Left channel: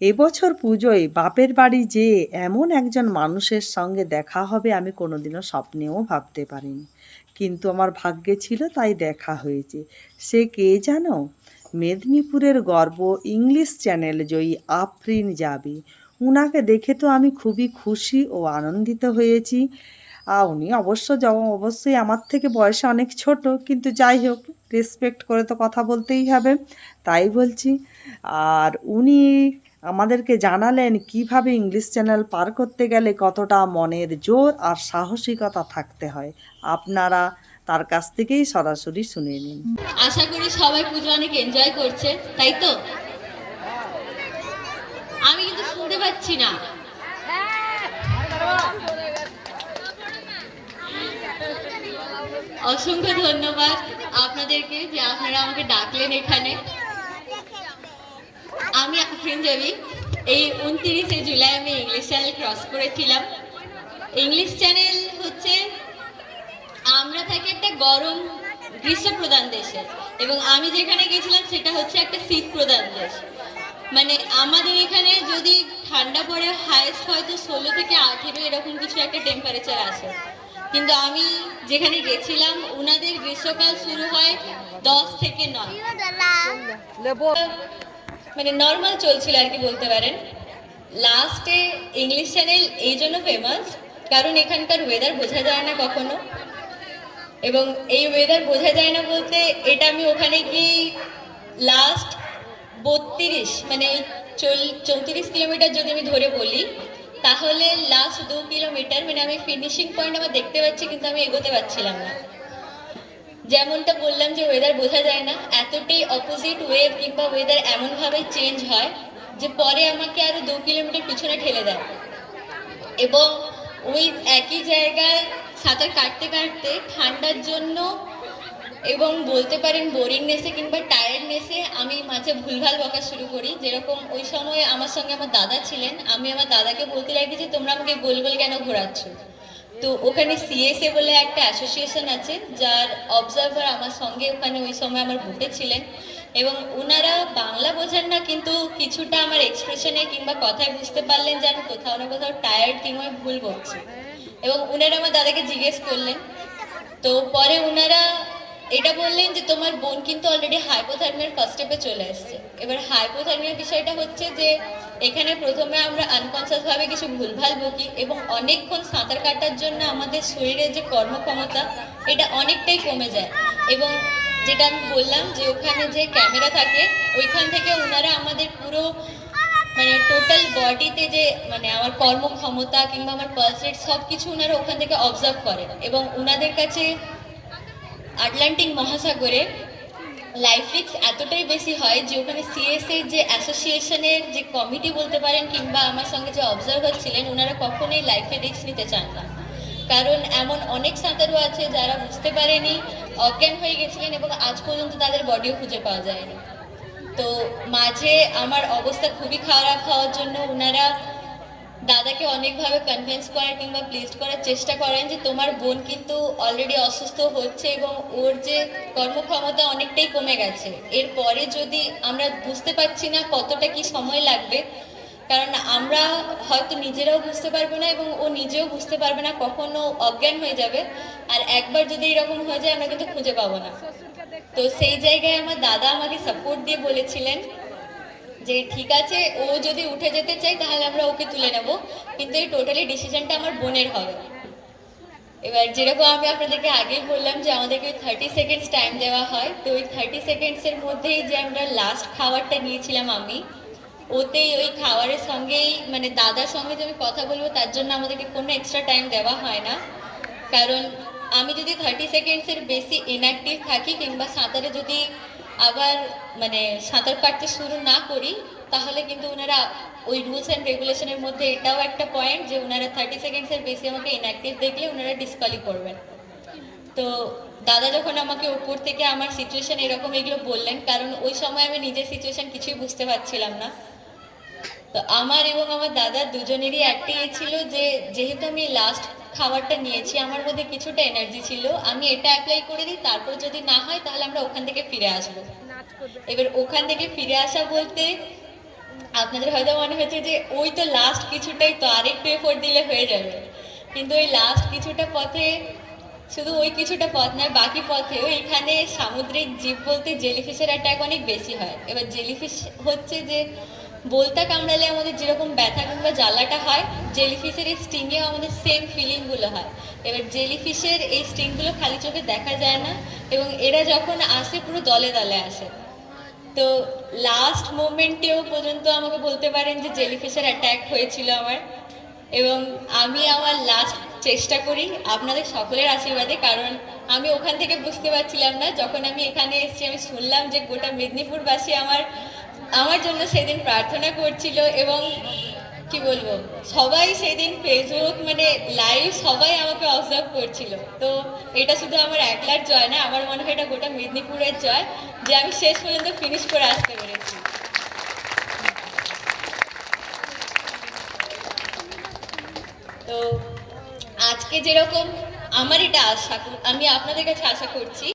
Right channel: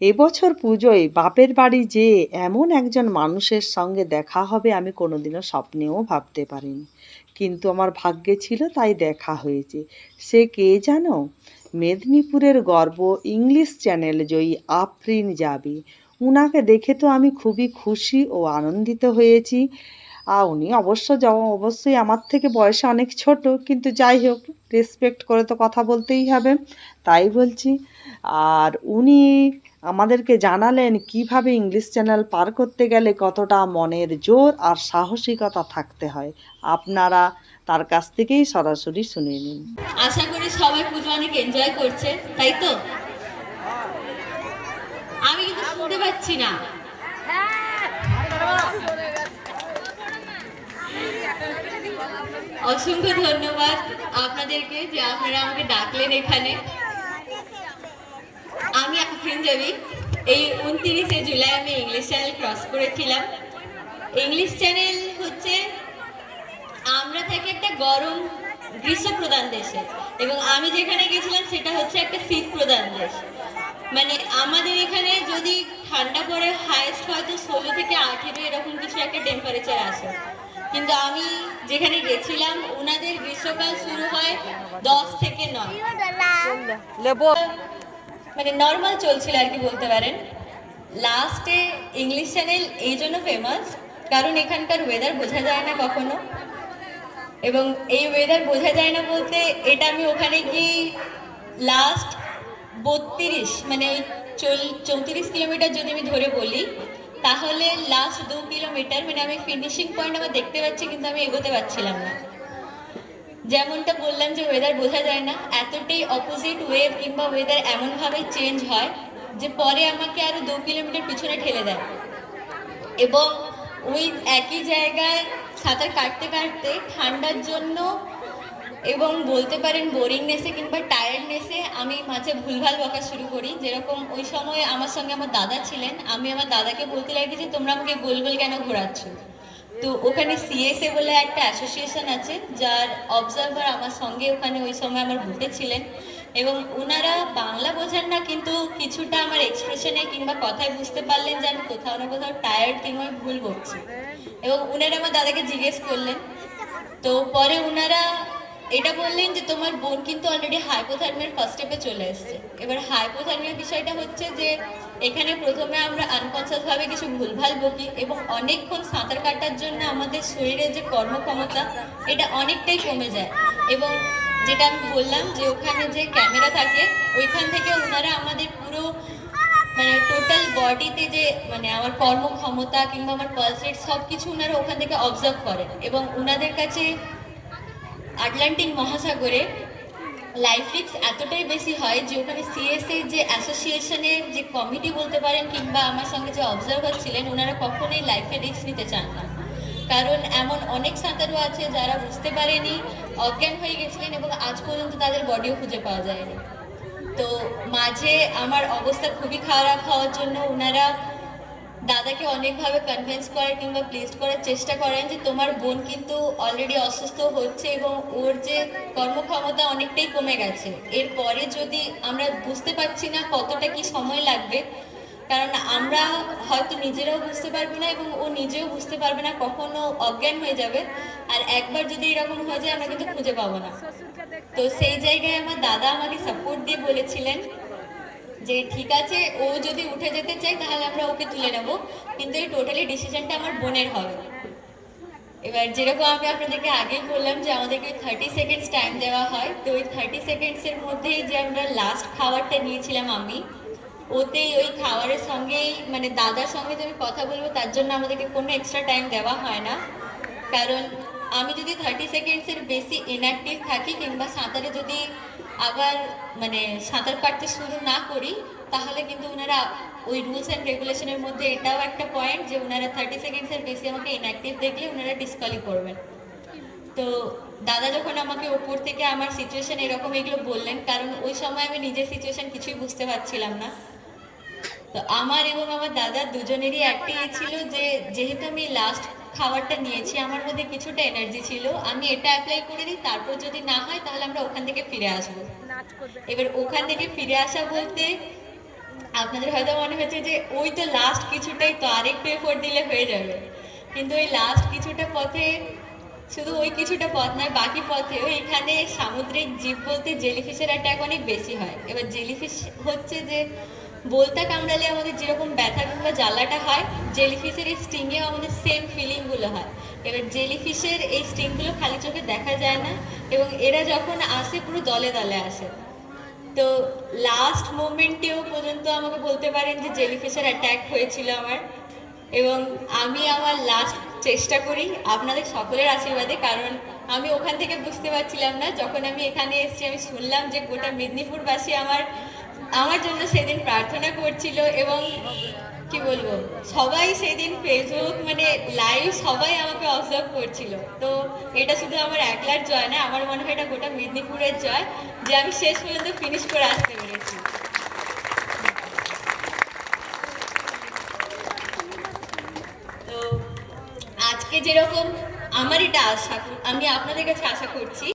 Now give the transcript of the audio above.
এবছর পুজোয় বাপের বাড়ি যেয়ে এমন একজন মানুষের সঙ্গে দেখা হবে আমি কোনোদিনও স্বপ্নেও ভাবতে পারিনি। কিন্তু আমার ভাগ্যে ছিল তাই দেখা হয়েছে। সে কে জানো? মেদিনীপুরের গর্ব ইংলিশ চ্যানেল জয়ী আফরিন জাবি। উনাকে দেখে তো আমি খুবই খুশি ও আনন্দিত হয়েছি। উনি অবশ্যই আমার থেকে বয়সে অনেক ছোট, কিন্তু যাই হোক, রেসপেক্ট করে তো কথা বলতেই হবে, তাই বলছি। আর উনি আমাদেরকে জানালেন কিভাবে ইংলিশ চ্যানেল পার করতে গেলে কতটা মনের জোর আর সাহসিকতা থাকতে হয়। আপনারা তার কাছ থেকেই সরাসরি শুনে নিন। আশা করি সবাই পুজো অনেক এনজয় করছে, তাই তো? আমি কিন্তু শুনতে পাচ্ছি না। অসংখ্য ধন্যবাদ আপনাদেরকে যে আপনারা আমাকে ডাকলেন এখানে। আমি আফরিন জাবি। এই 29শে জুলাই আমি ইংলিশ চ্যানেল ক্রস করেছিলাম। ইংলিশ চ্যানেল হচ্ছে, আমরা থাকি একটা গরম গ্রীষ্ম প্রধান দেশে, এবং আমি যেখানে গেছিলাম সেটা হচ্ছে একটা শীত প্রধান দেশ। মানে আমাদের এখানে যদি ঠান্ডা পড়ে হাইস্ট হয়তো 16 থেকে 18 এরকম কিছু একটা টেম্পারেচার আসে, কিন্তু আমি যেখানে গেছিলাম ওনাদের গ্রীষ্মকাল শুরু হয় 10 থেকে 9, মানে নর্মাল চলছিল আর কি বলতে পারেন। লাস্টে ইংলিশ চ্যানেল এই জন্য ফেমাস কারণ এখানকার ওয়েদার বোঝা যায় না কখনো, এবং এই ওয়েদার বোঝা যায় না বলতে এটা আমি ওখানে কি লাস্ট 32 মানে ওই 34 কিলোমিটার যদি আমি ধরে বলি, তাহলে লাস্ট 2 কিলোমিটার মানে আমি ফিনিশিং পয়েন্ট আমার দেখতে পাচ্ছি, কিন্তু আমি এগোতে পারছিলাম না। যেমনটা বললাম যে ওয়েদার বোঝা যায় না, এতটাই অপোজিট ওয়েভ কিংবা ওয়েদার এমনভাবে চেঞ্জ হয় যে পরে আমাকে আরো 2 কিলোমিটার পিছনে ঠেলে দেয়, এবং ওই একই জায়গায় সাঁতার কাটতে কাটতে ঠান্ডার জন্য এবং বলতে পারেন বোরিংনেসে কিংবা টায়ার্ডনেসে আমি মাঝে ভুলভাল বকা শুরু করি। যেরকম ওই সময় আমার সঙ্গে আমার দাদা ছিলেন, আমি আমার দাদাকে বলতে লাগি যে তোমরা আমাকে গোল গোল কেন ঘোরাচ্ছ। তো ওখানে সিএসএ বলে একটা অ্যাসোসিয়েশন আছে, যার অবজারভার আমার সঙ্গে ওখানে ওই সময় আমার বুকে ছিলেন, এবং ওনারা বাংলা বোঝেন না, কিন্তু কিছুটা আমার এক্সপ্রেশনে কিংবা কথায় বুঝতে পারলেন যে আমি কোথাও না কোথাও টায়ার্ড কিংবা ভুল বকছি, এবং ওনারা আমার দাদাকে জিজ্ঞেস করলেন। তো পরে ওনারা এটা বললেন যে তোমার বোন কিন্তু অলরেডি হাইপোথার্মিয়ার ফার্স্ট স্টেপে চলে এসছে। এবার হাইপোথার্মিয়ার বিষয়টা হচ্ছে যে এখানে প্রথমে আমরা আনকনসিয়াস ভাবে কিছু ভুলভাল বকি, এবং অনেকক্ষণ সাঁতার কাটার জন্য আমাদের শরীরের যে কর্মক্ষমতা এটা অনেকটাই কমে যায়। এবং যেটা আমি বললাম যে ওখানে যে ক্যামেরা থাকে ওইখান থেকে ওনারা আমাদের পুরো মানে টোটাল বডিতে যে মানে আমার কর্মক্ষমতা কিংবা আমার পালস রেট সব কিছু ওনারা ওখান থেকে অবজার্ভ করেন, এবং ওনাদের কাছে আটলান্টিক মহাসাগরে লাইফ রিস্ক এতটাই বেশি হয় যে ওখানে সিএসএ যে অ্যাসোসিয়েশনের যে কমিটি বলতে পারেন কিংবা আমার সঙ্গে যে অবজারভার ছিলেন ওনারা কখনোই লাইফে রিস্ক নিতে চান না। কারণ এমন অনেক সাঁতারু আছে যারা বুঝতে পারেনি, অজ্ঞান হয়ে গেছিলেন, এবং আজ পর্যন্ত তাদের বডিও খুঁজে পাওয়া যায়নি। তো মাঝে আমার অবস্থা খুবই খারাপ হওয়ার জন্য ওনারা দাদাকে অনেকভাবে কনভিন্স করার কিংবা প্লিজ করার চেষ্টা করেন যে তোমার বোন কিন্তু অলরেডি অসুস্থ হচ্ছে এবং ওর যে কর্মক্ষমতা অনেকটাই কমে গেছে, এরপরে যদি আমরা বুঝতে পারছি না কতটা কি সময় লাগবে, কারণ আমরা হয়তো নিজেরাও বুঝতে পারবো না এবং ও নিজেও বুঝতে পারবে না, কখনো অজ্ঞান হয়ে যাবে, আর একবার যদি এরকম হয়ে যায় আমরা কিন্তু খুঁজে পাবো না। তো সেই জায়গায় আমার দাদা আমাকে সাপোর্ট দিয়ে বলেছিলেন যে ঠিক আছে, ও যদি উঠে যেতে চাই তাহলে আমরা ওকে তুলে নেব, কিন্তু এই টোটালি ডিসিশনটা আমার বোনের হবে। এবার যেরকম আমি আপনাদেরকে আগেই বললাম যে আমাদেরকে 30 সেকেন্ডস টাইম দেওয়া হয়, তো ওই 30 সেকেন্ডসের মধ্যেই যে আমরা লাস্ট খাবারটা নিয়েছিলাম আমি, ওতেই ওই খাবারের সঙ্গেই মানে দাদার সঙ্গে যে আমি কথা বলবো তার জন্য আমাদেরকে কোনো এক্সট্রা টাইম দেওয়া হয় না। কারণ আমি যদি 30 সেকেন্ডসের বেশি ইনঅ্যাক্টিভ থাকি কিংবা সাঁতারে যদি আবার মানে সাঁতার কাটতে শুরু না করি, তাহলে কিন্তু ওনারা ওই রুলস অ্যান্ড রেগুলেশনের মধ্যে এটাও একটা পয়েন্ট যে ওনারা 30 সেকেন্ডসের বেশি আমাকে ইনঅ্যাক্টিভ দেখলে ওনারা ডিসকালি করবেন। তো দাদা যখন আমাকে উপর থেকে আমার সিচুয়েশন এরকম এগুলো বললেন, কারণ ওই সময় আমি নিজের সিচুয়েশন কিছুই বুঝতে পারছিলাম না, তো আমার এবং আমার দাদা দুজনেরই একটাই ছিল যে যেহেতু আমি লাস্ট খাবারটা নিয়েছি আমার মধ্যে কিছুটা এনার্জি ছিল, আমি এটা অ্যাপ্লাই করে দিই, তারপর যদি না হয় তাহলে আমরা ওখান থেকে ফিরে আসবো। এবার ওখান থেকে ফিরে আসা বলতে আপনাদের হয়তো মনে হচ্ছে যে ওই তো লাস্ট কিছুটাই তো, আরেকটু এফোর্ট দিলে হয়ে যাবে, কিন্তু ওই লাস্ট কিছুটা পথে, শুধু ওই কিছুটা পথ নয়, বাকি পথেও এখানে সামুদ্রিক জীব বলতে জেলিফিশের অ্যাটাক অনেক বেশি হয়। এবার জেলিফিশ হচ্ছে যে বলতা কামড়ালে আমাদের যেরকম ব্যথা কিংবা জ্বালাটা হয়, জেলিফিশের এই স্টিংয়েও আমাদের সেম ফিলিংগুলো হয়। এবার জেলিফিশের এই স্টিংগুলো খালি চোখে দেখা যায় না, এবং এরা যখন আসে পুরো দলে দলে আসে। তো লাস্ট মোমেন্টেও পর্যন্ত আমাকে বলতে পারেন যে জেলিফিশের অ্যাটাক হয়েছিল আমার, এবং আমি আমার লাস্ট চেষ্টা করি আপনাদের সকলের আশীর্বাদে, কারণ আমি ওখান থেকে বুঝতে পারছিলাম না, যখন আমি এখানে এসেছি আমি শুনলাম যে গোটা মেদিনীপুরবাসী আমার আমার জন্য সেদিন প্রার্থনা করছিল, এবং কি বলবো, সবাই সেদিন ফেসবুক মানে লাইভ সবাই আমাকে অবজার্ভ করছিল। তো এটা শুধু আমার একলার জয় না, আমার মনে হয় এটা গোটা মেদিনীপুরের জয় যে আমি শেষ পর্যন্ত ফিনিশ করে আসতে পেরেছি। তো আজকে যেরকম আমার এটা আশা আমি আপনাদের কাছে আশা করছি